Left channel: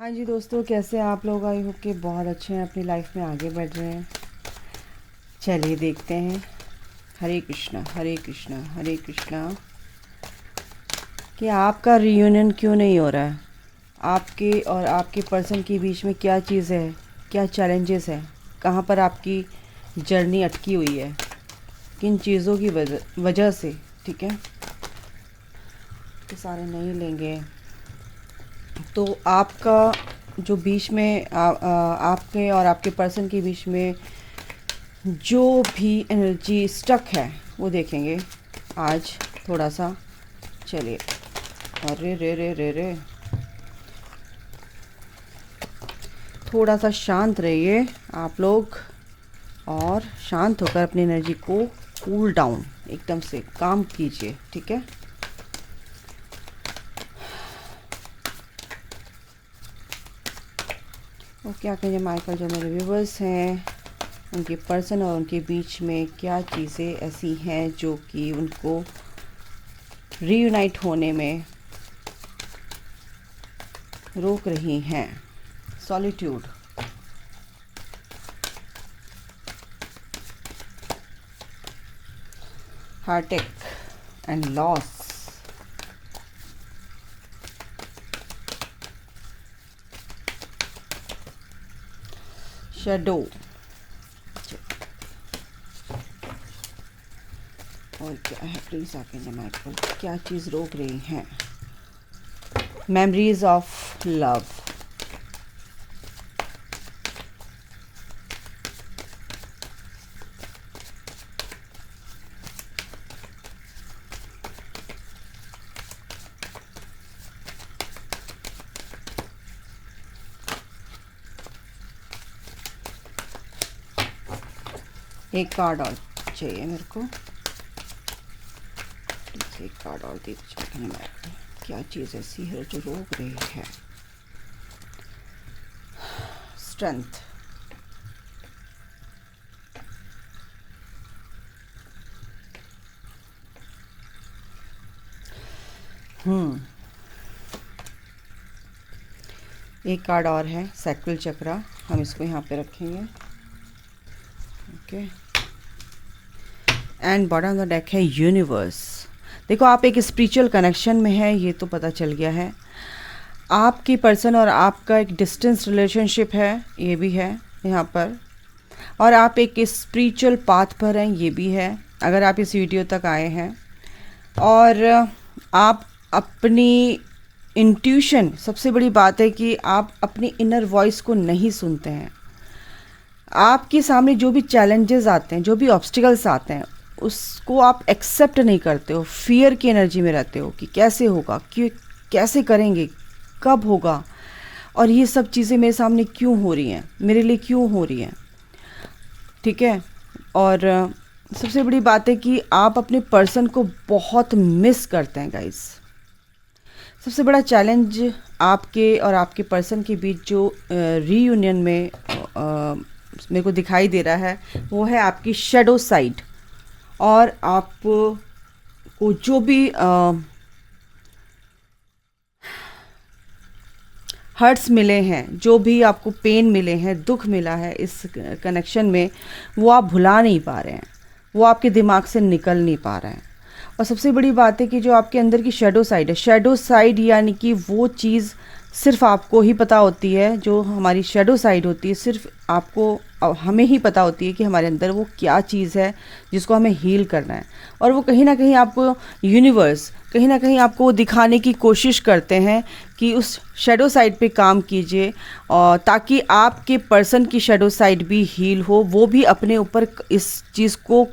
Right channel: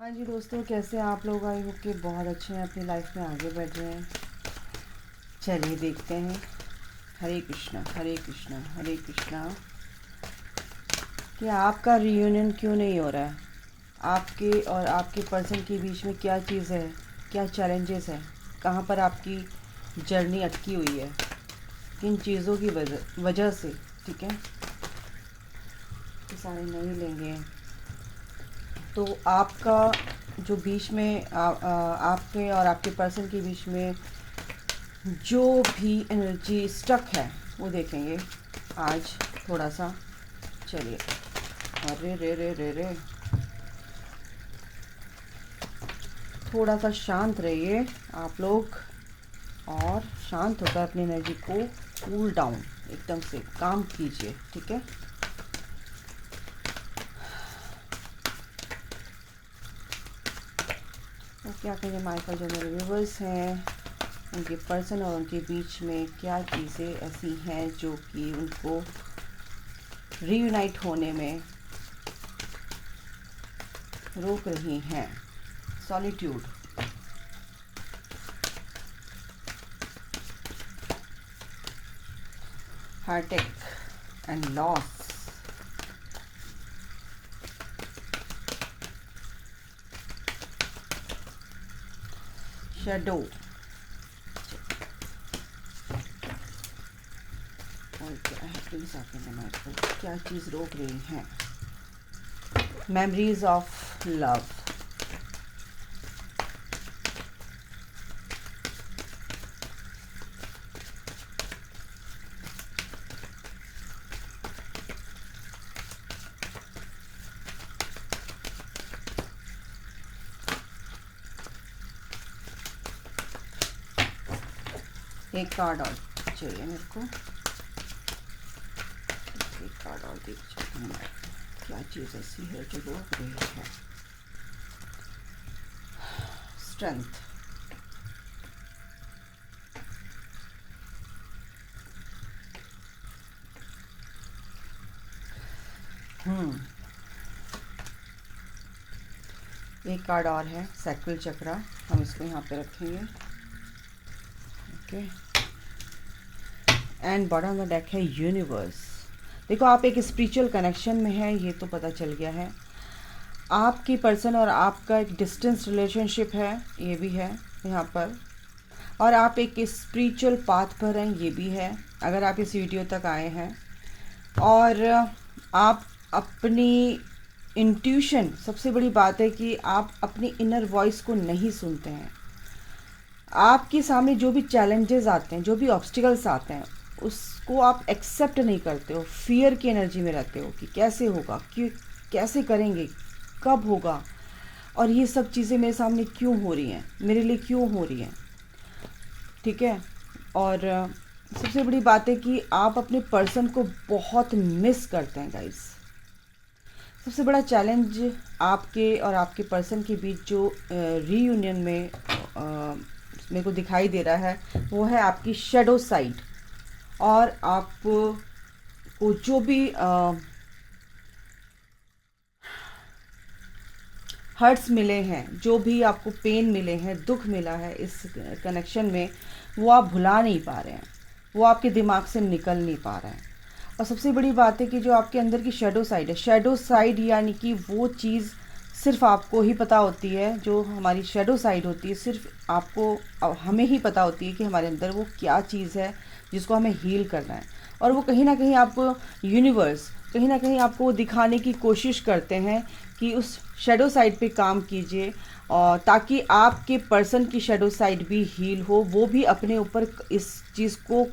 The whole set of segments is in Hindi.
हाँ जी दोस्तों, कैसे हैं आप लोग। आई होप कि बहुत अच्छे हैं, अपनी लाइफ में आगे बढ़ रहे हैं। चलिए देखते हैं। हरे कृष्णा हरे कृष्णा हरे कृष्णा। कि आपका रियूनियन क्यों नहीं हो रहा है? आपके और आपके पर्सन के बीच में क्या चीज़ है? क्या चैलेंजेस है? कहाँ पर आपकी जर्नी अटकी हुई है? किन चीज़ों की वजह से? ठीक है, तो सारे नहीं लेंगे। तो आपका जो बीच में आपके और आपके पर्सन के बीच में जो भी एनर्जी स्टक है वो देखेंगे आज थोड़ा सा। चलिए। अरे रे रे रे रे, थोड़ा सा शांत रहिए आप लोग और शांत होकर अपनी एनर्जी को कूल डाउन एकदम से काम कीजिए। ठीक है। और क्या कहेंगे माइकल, जो मेरे व्यूवर्स हैं उनके पर्सन और उनके बीच में क्या चीज़ें ऐसी हैं जो कि उनको रीयूनाइट होने में रोक रही हैं? Solitude, heartache and loss, shadow, और क्या है प्लीज आपके दिमाग को क्या चीज़ रोक रही है? मेमोरीज ऑफ लव, एक कार्ड और चाहिए मेरे को। एक कार्ड और दीजिए। क्या चीज़ ऐसी है जो रोक रही है? स्ट्रेंथ, एक कार्ड और है सैक्रल चक्रा, हम इसको यहाँ पे रखेंगे। Okay. And bottom of the deck है यूनिवर्स। देखो, आप एक स्पिरिचुअल कनेक्शन में है, ये तो पता चल गया है। आपकी पर्सन और आपका एक डिस्टेंस रिलेशनशिप है, ये भी है यहाँ पर। और आप एक स्पिरिचुअल पाथ पर हैं, ये भी है अगर आप इस वीडियो तक आए हैं। और आप अपनी इंट्यूशन, सबसे बड़ी बात है कि आप अपनी इनर वॉइस को नहीं सुनते हैं। आपके सामने जो भी चैलेंजेस आते हैं, जो भी ऑब्स्टिकल्स आते हैं, उसको आप एक्सेप्ट नहीं करते हो। फियर की एनर्जी में रहते हो कि कैसे होगा, क्यों, कैसे करेंगे, कब होगा, और ये सब चीज़ें मेरे सामने क्यों हो रही हैं, मेरे लिए क्यों हो रही हैं। ठीक है। और सबसे बड़ी बात है कि आप अपने पर्सन को बहुत मिस करते हैं गाइस। सबसे बड़ा चैलेंज आपके और आपके पर्सन के बीच जो रीयूनियन में मेरे को दिखाई दे रहा है, वो है आपकी शेडो साइड। और आपको जो भी हर्ट्स मिले हैं, जो भी आपको पेन मिले हैं, दुख मिला है इस कनेक्शन में, वो आप भुला नहीं पा रहे हैं, वो आपके दिमाग से निकल नहीं पा रहे हैं। और सबसे बड़ी बात है कि जो आपके अंदर की शेडो साइड है, शेडो साइड यानी कि वो चीज़ सिर्फ आपको ही पता होती है। जो हमारी शेडो साइड होती है, सिर्फ आपको, हमें ही पता होती है कि हमारे अंदर वो क्या चीज़ है जिसको हमें हील करना है। और वो कहीं ना कहीं आपको यूनिवर्स कहीं ना कहीं आपको दिखाने की कोशिश करते हैं कि उस शेडो साइड पे काम कीजिए, और ताकि आपके पर्सन की शेडो साइड भी हील हो, वो भी अपने ऊपर इस चीज़ को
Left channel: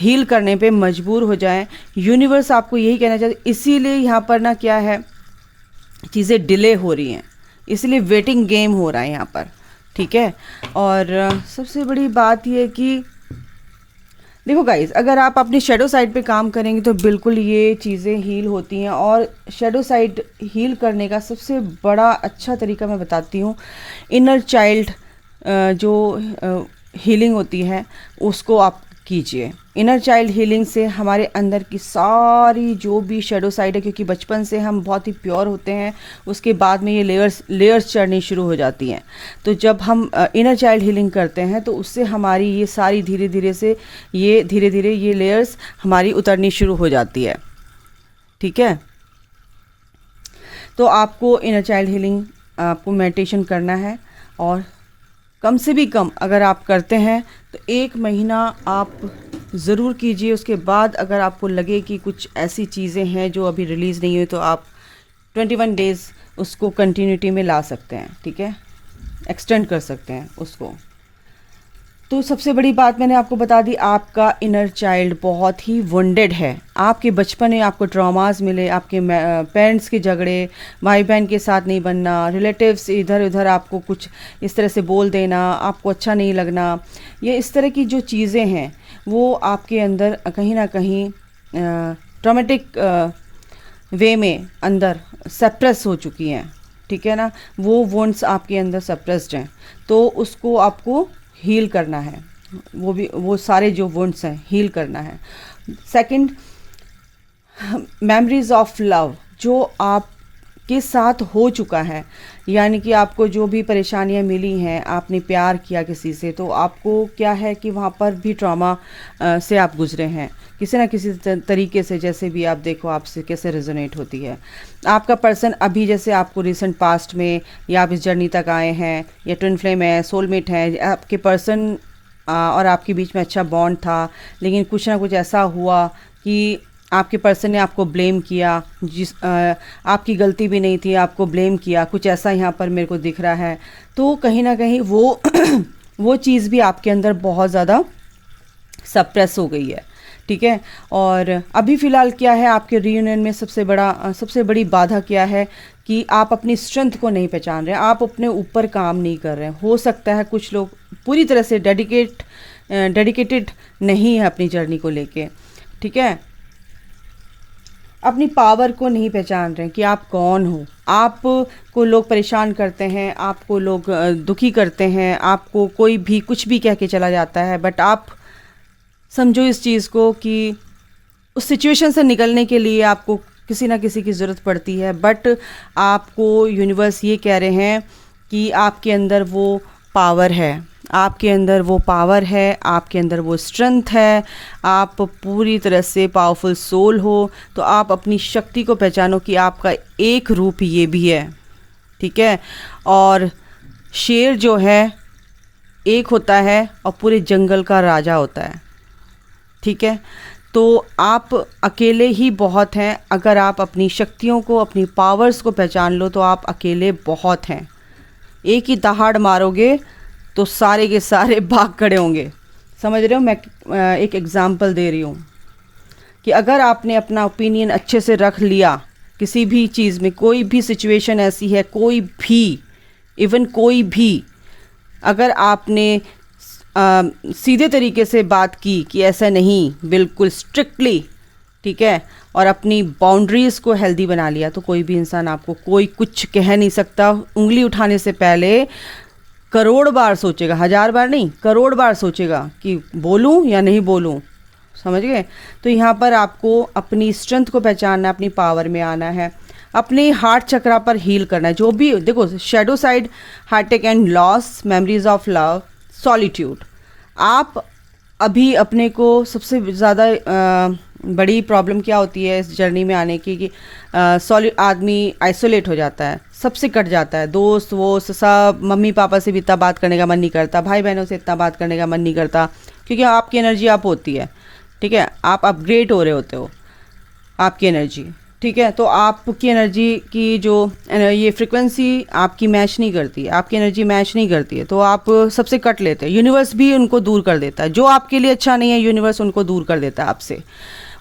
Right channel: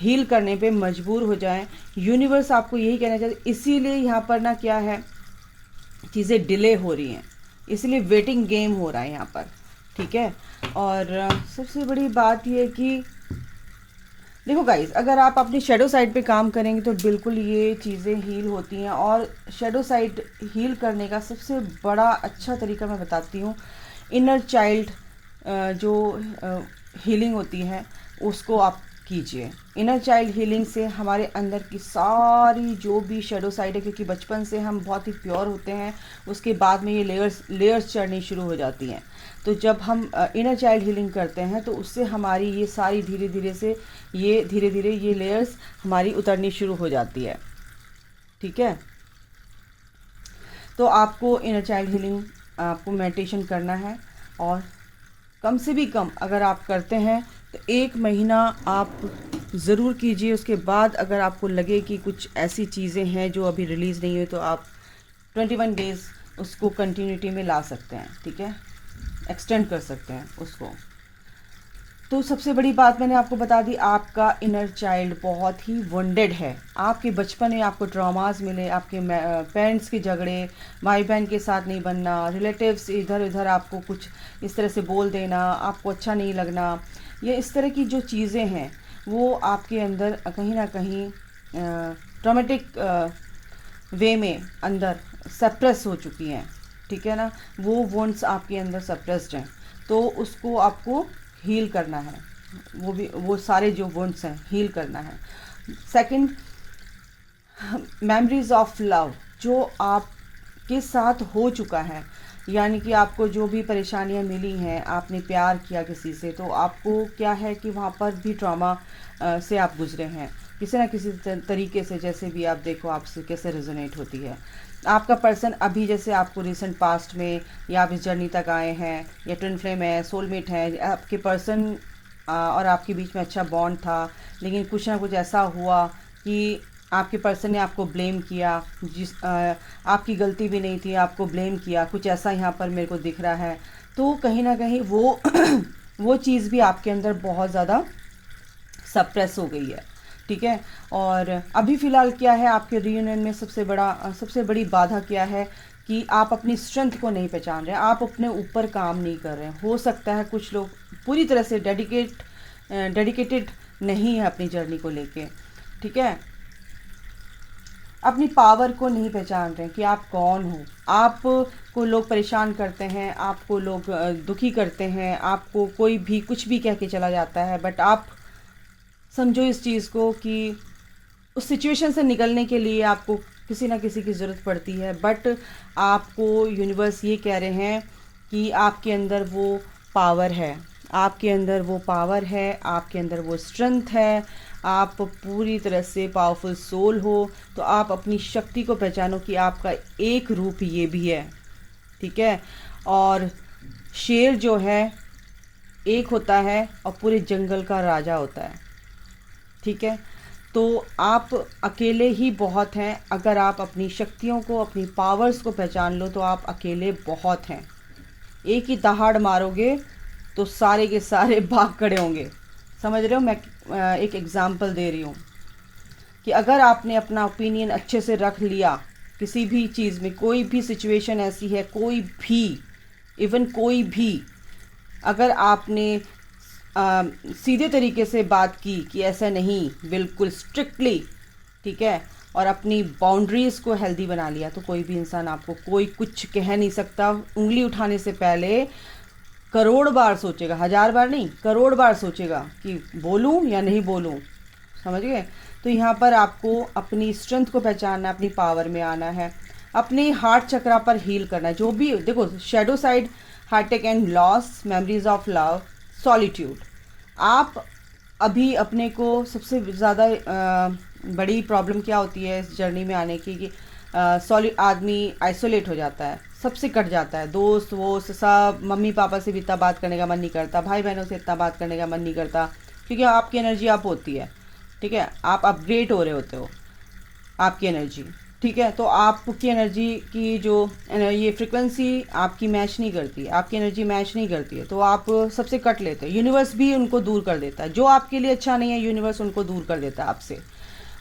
हील करने पे मजबूर हो जाएं। यूनिवर्स आपको यही कहना चाहते, इसीलिए यहाँ पर ना क्या है, चीज़ें डिले हो रही हैं, इसलिए वेटिंग गेम हो रहा है यहाँ पर। ठीक है। और सबसे बड़ी बात ये है कि देखो गाइस, अगर आप अपनी शेडो साइड पे काम करेंगे तो बिल्कुल ये चीज़ें हील होती हैं। और शेडो साइड हील करने का सबसे बड़ा अच्छा तरीका मैं बताती हूँ। इनर चाइल्ड जो हीलिंग होती है, उसको आप कीजिए। इनर चाइल्ड हीलिंग से हमारे अंदर की सारी जो भी शेडो साइड है, क्योंकि बचपन से हम बहुत ही प्योर होते हैं, उसके बाद में ये लेयर्स चढ़नी शुरू हो जाती हैं। तो जब हम इनर चाइल्ड हीलिंग करते हैं तो उससे हमारी ये सारी धीरे धीरे ये लेयर्स हमारी उतरनी शुरू हो जाती है। ठीक है, तो आपको इनर चाइल्ड हीलिंग, आपको मेडिटेशन करना है, और कम से भी कम अगर आप करते हैं तो 1 महीना आप ज़रूर कीजिए। उसके बाद अगर आपको लगे कि कुछ ऐसी चीज़ें हैं जो अभी रिलीज़ नहीं हुई, तो आप 21 डेज़ उसको कंटिन्यूटी में ला सकते हैं। ठीक है, एक्सटेंड कर सकते हैं उसको। तो सबसे बड़ी बात मैंने आपको बता दी, आपका इनर चाइल्ड बहुत ही वुंडेड है। आपके बचपन में आपको ट्रॉमास मिले, आपके पेरेंट्स के झगड़े, भाई बहन के साथ नहीं बनना, रिलेटिव्स इधर उधर आपको कुछ इस तरह से बोल देना, आपको अच्छा नहीं लगना, ये इस तरह की जो चीज़ें हैं वो आपके अंदर कहीं ना कहीं ट्रॉमेटिक वे में अंदर सप्रेस हो चुकी हैं। ठीक है ना, वो वुंड्स आपके अंदर सप्रेस्ड हैं, तो उसको आपको हील करना है। वो सारे जो वुंड्स हैं हील करना है। सेकंड, मेमोरीज ऑफ लव जो आपके साथ हो चुका है, यानी कि आपको जो भी परेशानियां मिली हैं, आपने प्यार किया किसी से, तो आपको क्या है कि वहाँ पर भी ट्रॉमा से आप गुजरे हैं किसी ना किसी तरीके से। जैसे भी आप देखो आपसे कैसे रेजोनेट होती है आपका पर्सन अभी, जैसे आपको रिसेंट पास्ट में, या आप इस जर्नी तक आए हैं, या ट्विन फ्लेम है, सोलमेट है, आपके पर्सन और आपके बीच में अच्छा बॉन्ड था, लेकिन कुछ ना कुछ ऐसा हुआ कि आपके पर्सन ने आपको ब्लेम किया, आपकी गलती भी नहीं थी, आपको ब्लेम किया, कुछ ऐसा यहाँ पर मेरे को दिख रहा है। तो कहीं ना कहीं वो चीज़ भी आपके अंदर बहुत ज़्यादा सप्रेस हो गई है। ठीक है, और अभी फ़िलहाल क्या है आपके रीयूनियन में सबसे बड़ी बाधा क्या है कि आप अपनी स्ट्रेंथ को नहीं पहचान रहे हैं, आप अपने ऊपर काम नहीं कर रहे हैं। हो सकता है कुछ लोग पूरी तरह से डेडिकेटेड नहीं है अपनी जर्नी को लेके। ठीक है, अपनी पावर को नहीं पहचान रहे हैं कि आप कौन हो। आपको लोग परेशान करते हैं, आपको लोग दुखी करते हैं, आपको कोई भी कुछ भी कह के चला जाता है, बट आप समझो इस चीज़ को कि उस सिचुएशन से निकलने के लिए आपको किसी ना किसी की ज़रूरत पड़ती है, बट आपको यूनिवर्स ये कह रहे हैं कि आपके अंदर वो पावर है, आपके अंदर वो पावर है, आपके अंदर वो स्ट्रेंथ है, आप पूरी तरह से पावरफुल सोल हो। तो आप अपनी शक्ति को पहचानो कि आपका एक रूप ये भी है। ठीक है, और शेर जो है एक होता है और पूरे जंगल का राजा होता है। ठीक है, तो आप अकेले ही बहुत हैं। अगर आप अपनी शक्तियों को, अपनी पावर्स को पहचान लो तो आप अकेले बहुत हैं। एक ही दहाड़ मारोगे तो सारे के सारे भाग खड़े होंगे। समझ रहे हो, मैं एक एग्जांपल दे रही हूँ कि अगर आपने अपना ओपिनियन अच्छे से रख लिया किसी भी चीज़ में, कोई भी सिचुएशन ऐसी है, कोई भी अगर आपने सीधे तरीके से बात की कि ऐसा नहीं, बिल्कुल स्ट्रिक्टली, ठीक है, और अपनी बाउंड्रीज़ को हेल्दी बना लिया, तो कोई भी इंसान आपको कोई कुछ कह नहीं सकता। उंगली उठाने से पहले करोड़ बार सोचेगा, 1000 बार नहीं, करोड़ बार सोचेगा कि बोलूं या नहीं बोलूं। समझ गए? तो यहाँ पर आपको अपनी स्ट्रेंथ को पहचानना, अपनी पावर में आना है, अपने हार्ट चक्रा पर हील करना है। जो भी देखो, shadow side, Heartect and loss, memories of love, solitude. आप अभी अपने को सबसे ज़्यादा बड़ी प्रॉब्लम क्या होती है इस जर्नी में आने की कि आदमी आइसोलेट हो जाता है, सबसे कट जाता है, दोस्त वोस्त सब, मम्मी पापा से भी इतना बात करने का मन नहीं करता, भाई बहनों से इतना बात करने का मन नहीं करता, क्योंकि आपकी एनर्जी अप होती है। ठीक है, आप अपग्रेड हो रहे होते हो, आपकी एनर्जी। ठीक है, तो आपकी एनर्जी की जो ये फ्रिक्वेंसी आपकी मैच नहीं करती है, आपकी एनर्जी मैच नहीं करती है, तो आप सबसे कट लेते हैं। यूनिवर्स भी उनको दूर कर देता है, जो आपके लिए अच्छा नहीं है यूनिवर्स उनको दूर कर देता है आपसे,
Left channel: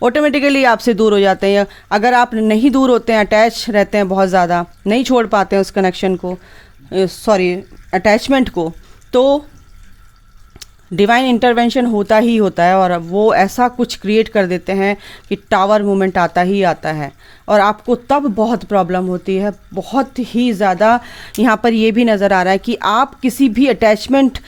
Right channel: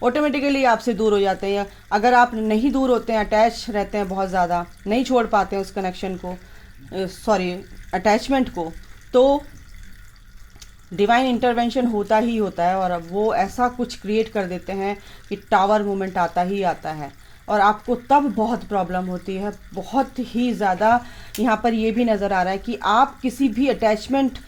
ऑटोमेटिकली आपसे दूर हो जाते हैं। अगर आप नहीं दूर होते हैं, अटैच रहते हैं बहुत ज़्यादा, नहीं छोड़ पाते हैं उस कनेक्शन को, अटैचमेंट को, तो डिवाइन इंटरवेंशन होता ही होता है और वो ऐसा कुछ क्रिएट कर देते हैं कि टावर मूवमेंट आता ही आता है और आपको तब बहुत प्रॉब्लम होती है, बहुत ही ज़्यादा। यहाँ पर ये भी नज़र आ रहा है कि आप किसी भी अटैचमेंट,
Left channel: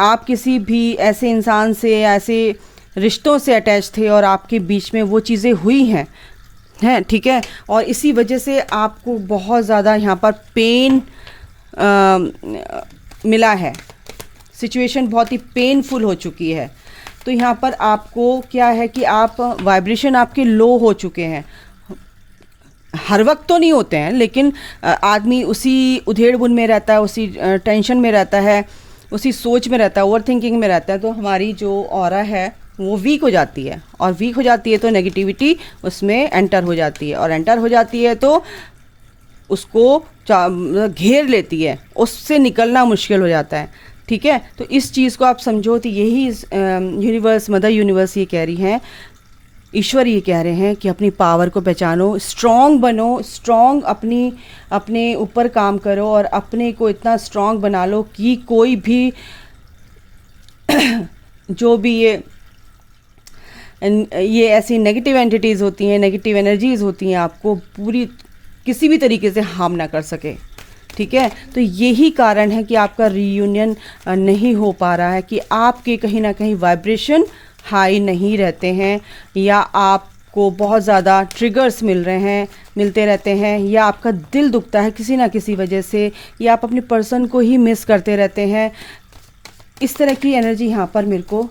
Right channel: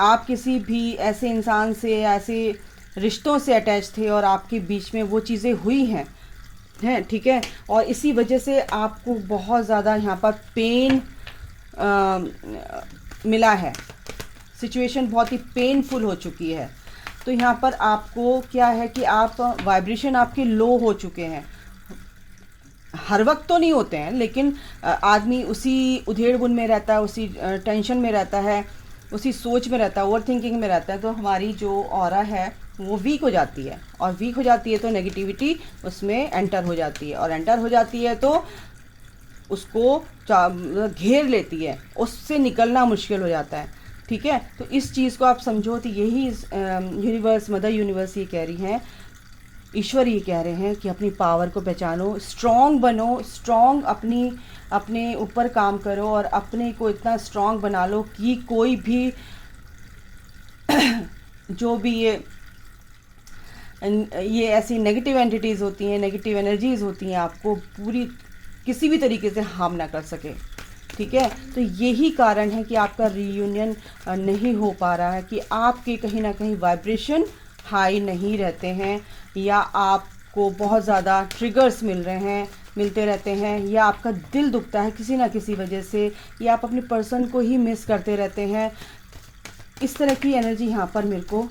आप किसी भी ऐसे इंसान से, ऐसे रिश्तों से अटैच थे और आपके बीच में वो चीज़ें हुई हैं, ठीक है, और इसी वजह से आपको बहुत ज़्यादा यहाँ पर पेन मिला है, सिचुएशन बहुत ही पेनफुल हो चुकी है। तो यहाँ पर आपको क्या है कि आप वाइब्रेशन आपके लो हो चुके हैं। हर वक्त तो नहीं होते हैं, लेकिन आदमी उसी उधेड़ बुन में रहता है, उसी टेंशन में रहता है, उसी सोच में रहता है, ओवर थिंकिंग में रहता है, तो हमारी जो ऑरा है वो वीक हो जाती है और वीक हो जाती है तो नेगेटिविटी उसमें एंटर हो जाती है और एंटर हो जाती है तो उसको घेर लेती है, उससे निकलना मुश्किल हो जाता है, ठीक है। तो इस चीज़ को आप समझो, तो यही यूनिवर्स, मदर यूनिवर्स ये कह रही हैं, ईश्वर ये कह रहे हैं कि अपनी पावर को पहचानो, स्ट्रॉन्ग बनो, स्ट्रॉन्ग अपने ऊपर काम करो और अपने को इतना स्ट्रॉन्ग बना लो कि कोई भी जो भी ये ऐसी नेगेटिव एंटिटीज़ होती हैं, नेगेटिव एनर्जीज़ होती हैं, आपको पूरी किसी भी तरीके से हार्म ना कर सके, ठीक है। तो यही कारण है कि आपका रीयूनियन नहीं हो पा रहा है, कि आपके कहीं ना कहीं वाइब्रेशन हाई नहीं रहते हैं, या आपको बहुत ज़्यादा ट्रिगर्स मिलते रहते हैं, या आपका दिल दुखता है किसी ना किसी वजह से, या आप अपने पर्सन को ही मिस करते रहते हैं। इस तरह की एनर्जी यहाँ पर मेरे को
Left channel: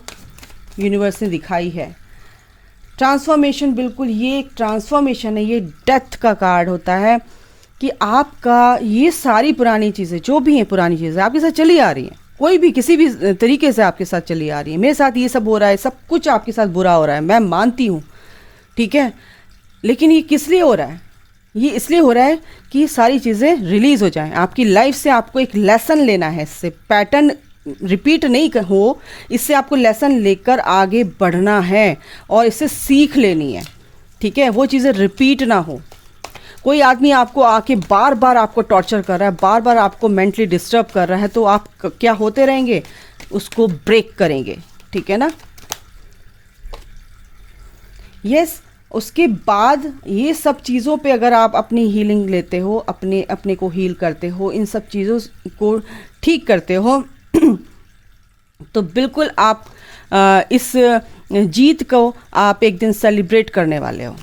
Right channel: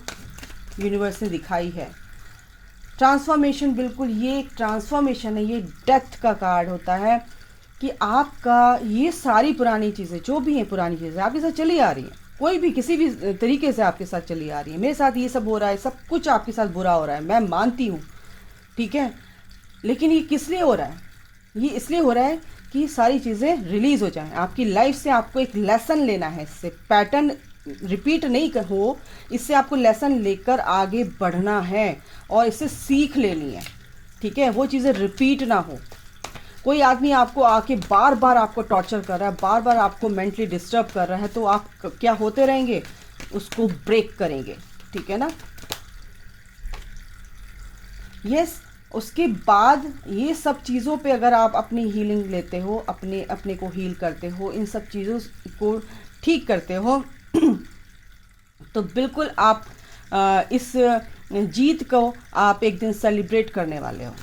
यूनिवर्स ने दिखाई है। ट्रांसफॉर्मेशन, बिल्कुल ये एक ट्रांसफॉर्मेशन है, ये डेथ का कार्ड होता है कि आपका ये सारी पुरानी चीज़ें जो भी हैं, पुरानी चीज़ें आपके साथ चली आ रही हैं, कोई भी किसी भी तरीके से आपके साथ चली आ रही है। मेरे साथ ये सब हो रहा है, सब कुछ आपके साथ बुरा हो रहा है, मैं मानती हूँ, ठीक है, लेकिन ये किस लिए हो रहा है? ये इसलिए हो रहा है कि ये सारी चीज़ें रिलीज़ हो जाएं आपकी लाइफ से। आपको एक लेसन लेना है, इससे पैटर्न रिपीट नहीं हो, इससे आपको लेसन लेकर आगे बढ़ना है और इससे सीख लेनी है, ठीक है, वो चीज़ें रिपीट ना हो। कोई आदमी आपको आके बार बार आपको टॉर्चर कर रहा है, बार बार आपको मेंटली डिस्टर्ब कर रहा है, तो आप क्या होते रहेंगे, उसको ब्रेक करेंगे, ठीक है ना। यस, उसके बाद ये सब चीज़ों पे अगर आप अपनी हीलिंग लेते हो, अपने को हील करते हो, इन सब चीज़ों को ठीक करते हो, तो बिल्कुल आप इस जीत को आप एक दिन सेलिब्रेट करने वाले हो,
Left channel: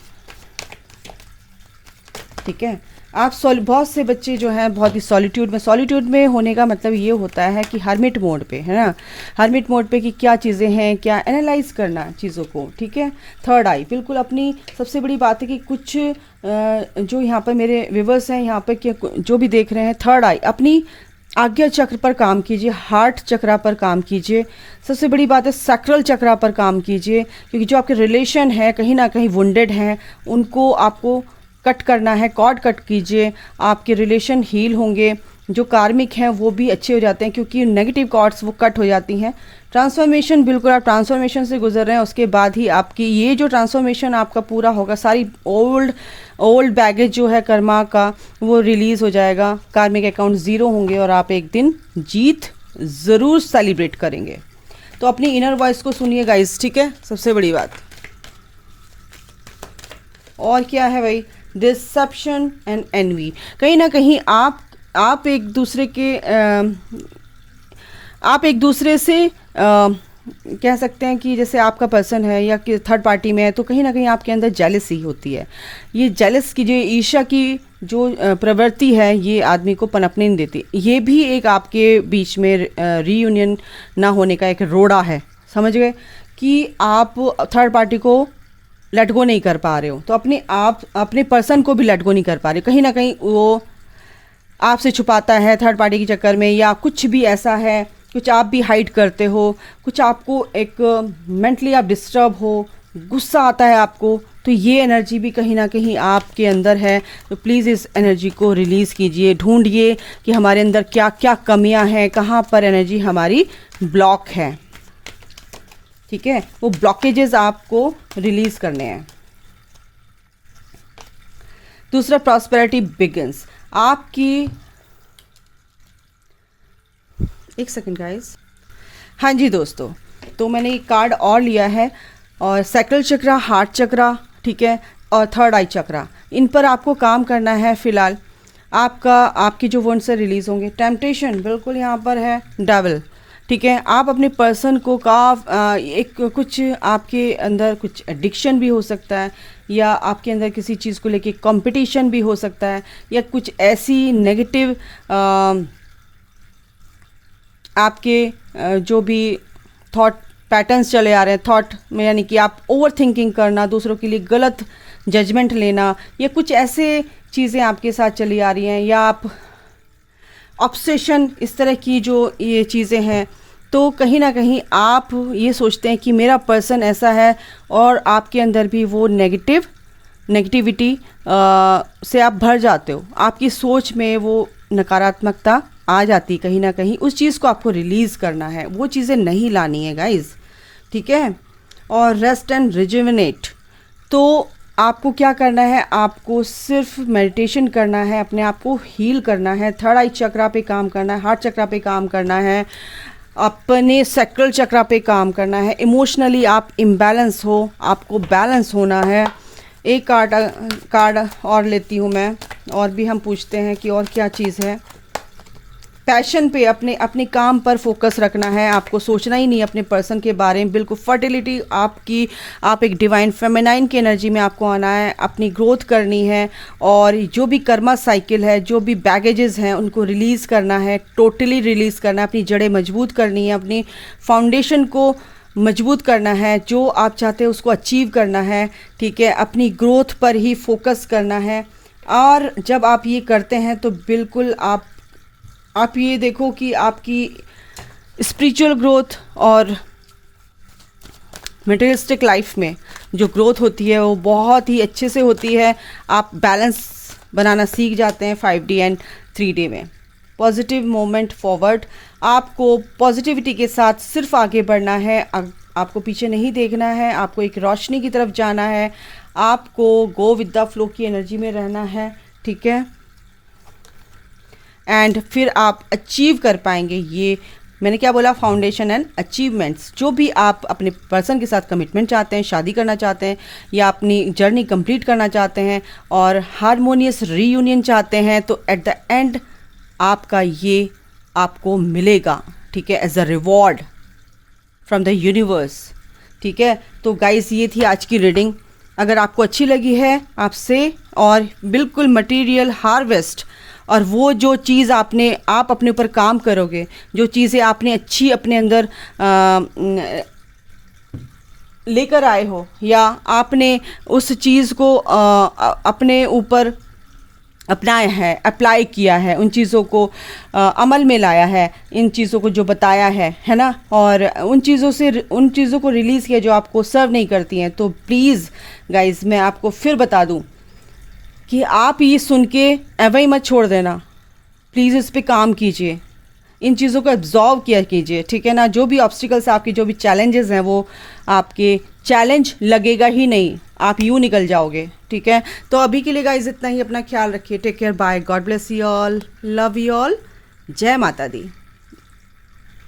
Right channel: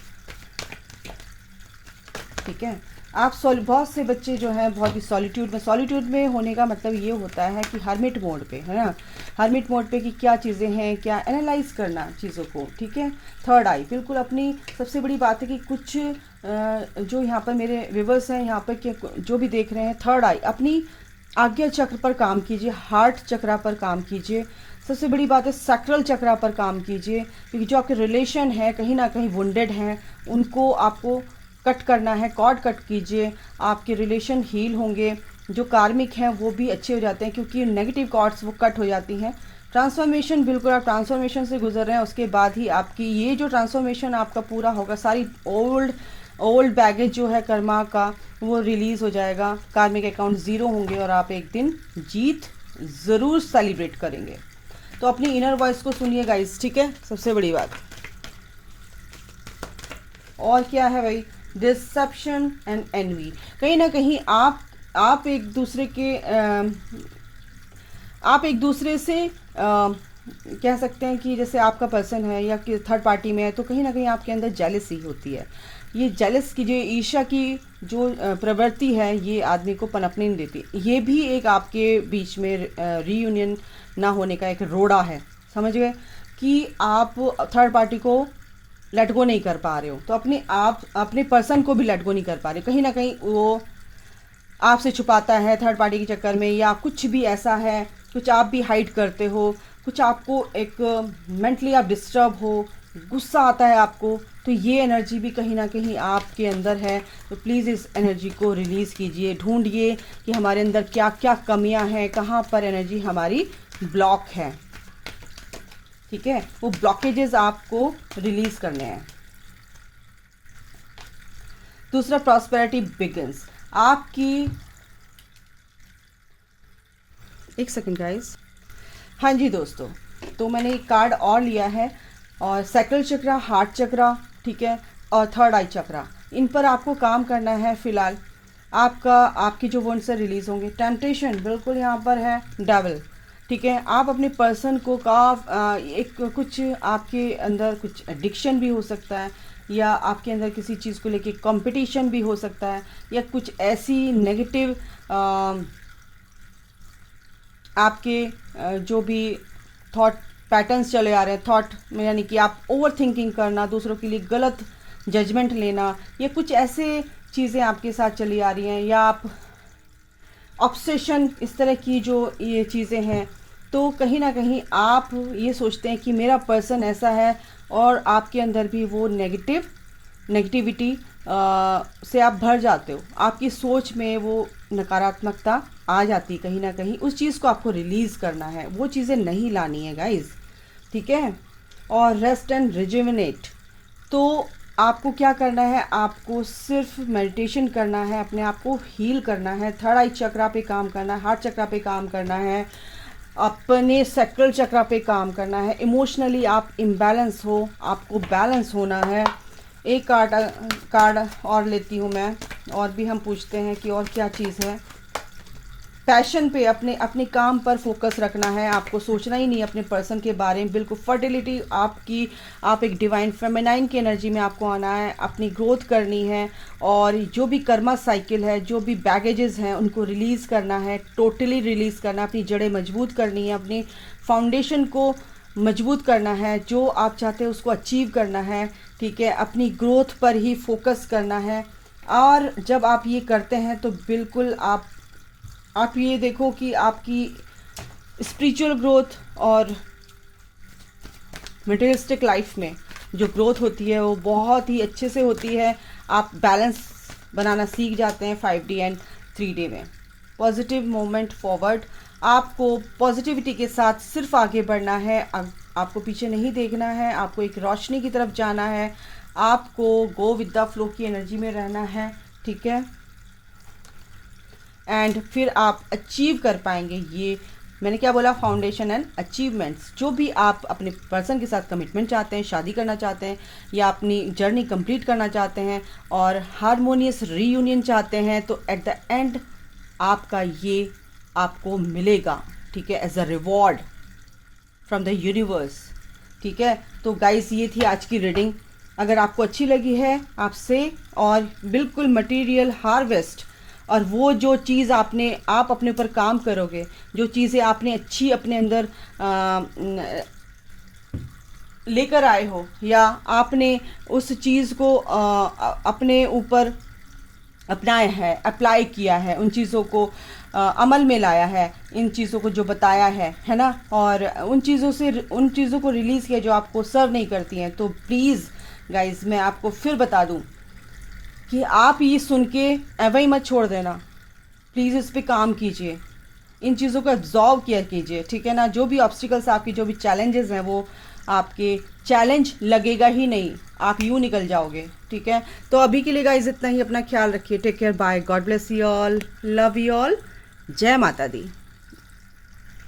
ठीक है। आप बहुत से बच्चे जो हैं बहुत ही सॉलिट्यूड में होने का मतलब ये होता है कि हर्मिट मोड पे, है ना, हर्मिट मोड पे कि क्या चीज़ें हैं, क्या एनालाइज करना चीज़ों को, ठीक है। थर्ड आई, बिल्कुल अपनी सबसे बड़ी बात है कि कुछ जो यहाँ पर मेरे व्यूवर्स हैं यहाँ पर जो भी देख रहे हैं, थर्ड आई, अपनी आज्ञा चक्र पर काम कीजिए, हार्ट चक्रा पर काम कीजिए। सबसे बड़ी बात है सैक्रल चक्रा पर काम कीजिए, क्योंकि जो आपके रिलेशन है कहीं ना कहीं वुंडेड हैं, उनको आपको कट करना है, कॉर्ड कट कीजिए, आपके रिलेशन हील होंगे, जो कार्मिक हैं वो भी अच्छे हो जाते हैं, क्योंकि नेगेटिव कॉर्ड्स वो कट हो जाती हैं। ट्रांसफॉर्मेशन, बिल्कुल आप ट्रांसफॉर्मेशन से गुजर रहे हैं, उसके बाद ही आपकी ये जो ट्रांसफॉर्मेशन आपका पूरा होगा, सारी ओल्ड बैगेज जो है कर्मा का वो रिलीज़ हो जाएगा, कार्मिक अकाउंट ज़ीरो होंगे और आप एक दिन जीत ज़रूर सेलिब्रेट करेंगे। तो अपनी इनर वॉइस को सुनिए गाइस, ठीक है, सबसे बड़ी बात। और क्या है भाई, डिसेप्शन एंड एनवी, कहीं ना कहीं आप एक दूसरे से कह सकते हैं कि जैसे आपका पर्सन है या कि थर्ड पार्टी में है, तो कहीं ना कहीं आपके अंदर जेलसी होती है। ये जेलस की जो ईर्ष्या की जो प्रवृत्ति है, ये आदमी को पनपने नहीं देती। ये भी एक आपके बीच में रीयूनियन ना होने का एक रोड़ा है, समझ गए, कि आप थर्ड पार्टी को लेट गो नहीं कर पा रहे हो, तो अपने पर्सन को भी लेट गो नहीं कर पा रहे हो। कहीं ना कहीं वो आपसे छुपाता है थर्ड पार्टी के चक्कर में, या कुछ भी ऐसा है, कुछ आप भी हाइड करते हो, कुछ आपको एक मेंटली आप डिस्टर्ब हो, गुस्सा आता है आपको, तो ये एनर्जी भी कहीं ना कहीं आपके अंदर है। तो प्लीज़ इस एनर्जी को रिलीज़ कीजिए, ढूंढिए कि हमारे अंदर क्या क्या कमियां हैं, कहाँ पर एनर्जी हमारी ब्लॉक है, ठीक है, वो ब्लॉकेजेस आपको रिलीज़ करने हैं। दूसरा, प्रॉस्पेरिटी बिगिंस, आपकी, एक सेकेंड गाइस, हाँ जी दोस्तों, तो मैंने एक कार्ड और लिया है, और सैक्रल चक्रा, हार्ट चक्रा, ठीक है, और थर्ड आई चक्रा, इन पर आपको काम करना है। फ़िलहाल आपकी जो वंड से रिलीज़ होंगे। टेम्पटेशन बिल्कुल यहाँ पर है, डेविल, ठीक है। आप अपने पर्सन को एक कुछ आपके अंदर कुछ एडिक्शन भी हो सकता है, या आपके अंदर किसी चीज़ को लेके कंपटीशन भी हो सकता है, या कुछ ऐसी नेगेटिव आपके जो भी थॉट पैटर्न्स चले आ रहे हैं थॉट में, यानी कि आप ओवर थिंकिंग करना, दूसरों के लिए गलत जजमेंट लेना, या कुछ ऐसे चीज़ें आपके साथ चली आ रही हैं, या आप ऑब्सेशन, इस तरह की जो ये चीज़ें हैं, तो कहीं ना कहीं आप ये सोचते हैं कि मेरा पर्सन ऐसा है, और आपके अंदर भी वो नेगेटिविटी से आप भर जाते हो। आपकी सोच में वो नकारात्मकता आ जाती कहीं ना कहीं। उस चीज़ को आपको रिलीज़ करना है, वो चीज़ें नहीं लानी है गाइस, ठीक है। और रेस्ट एंड रिजुविनेट, तो आपको क्या करना है, आपको सिर्फ मेडिटेशन करना है, अपने आप को हील करना है, थर्ड आई चक्रा पे काम करना है, हार्ट चक्रा पे काम करना है, अपने सैक्रल चक्रा पे काम करना है। इमोशनली आप इम्बैलेंस हो, आपको बैलेंस होना है। एक कार्ड और लेती हूँ मैं, और भी हम पूछते हैं कि और क्या चीज़ है। पैशन पे, अपने काम पर फोकस रखना है, आपको सोचना ही नहीं अपने पर्सन के बारे में, बिल्कुल। फर्टिलिटी आप एक डिवाइन फेमिनाइन की एनर्जी में आपको आना है, अपनी ग्रोथ करनी है, और जो भी कर्मा साइकिल है, जो भी बैगेजेस हैं, उनको रिलीज़ करना है, टोटली रिलीज़ करना है, अपनी जड़ें मजबूत करनी है, अपनी फाउंडेशन को मजबूत करना है, जो आप चाहते हैं उसको अचीव करना है, ठीक है। अपनी ग्रोथ पर ही फोकस करना है, और जब आप ये करते हैं तो बिल्कुल आप ये देखो कि आपकी स्पिरिचुअल ग्रोथ और मटेरियलिस्टिक लाइफ में जो ग्रोथ होती है वो बहुत ही अच्छे से होती है। आप बैलेंस बनाना सीख जाते हैं 5D एंड 3D में। पॉजिटिव मूवमेंट फॉरवर्ड, आपको पॉजिटिविटी के साथ सिर्फ आगे बढ़ना है, आपको पीछे नहीं देखना है, आपको एक रोशनी की तरफ जाना है, आपको गो विद द फ्लो की एनर्जी में रहना है, ठीक है। एंड फिर आप अचीव कर पाएंगे। ये मैंने क्या बोला, फाउंडेशन एंड अचीवमेंट्स। जो भी आप अपने पर्सन के साथ कमिटमेंट चाहते हैं, शादी करना चाहते हैं, या अपनी जर्नी कंप्लीट करना चाहते हैं, और हारमोनियस रीयूनियन चाहते हैं, तो एट द एंड आपका ये आपको मिलेगा, ठीक है, as a reward from the universe, ठीक है। तो गाइस, ये थी आज की रीडिंग। अगर आपको अच्छी लगी है आपसे, और बिल्कुल मटेरियल हार्वेस्ट, और वो जो चीज़ आप अपने ऊपर काम करोगे, जो चीज़ें आपने अच्छी अपने अंदर लेकर आए हो, या आपने उस चीज़ को अपने ऊपर अपनाया है, अप्लाई किया है, उन चीज़ों को अमल में लाया है, इन चीज़ों को जो बताया है ना, और उन चीज़ों को रिलीज़ किया जो आपको सर्व नहीं करती हैं, तो प्लीज़ गाइज़, मैं आपको फिर बता दूं कि आप ये सुन के एवं ही मत छोड़ देना। प्लीज़ इस पे काम कीजिए, इन चीज़ों को एब्जॉर्व किया कीजिए, ठीक है ना। जो भी ऑब्स्टिकल्स आपके, जो भी चैलेंजेस हैं, वो आपके चैलेंज लगेगा ही नहीं, आप यूँ निकल जाओगे, ठीक है। तो अभी के लिए गाइज इतना ही। अपना ख्याल रखिए। Take care, bye, God bless you all, love you all, जय माता दी।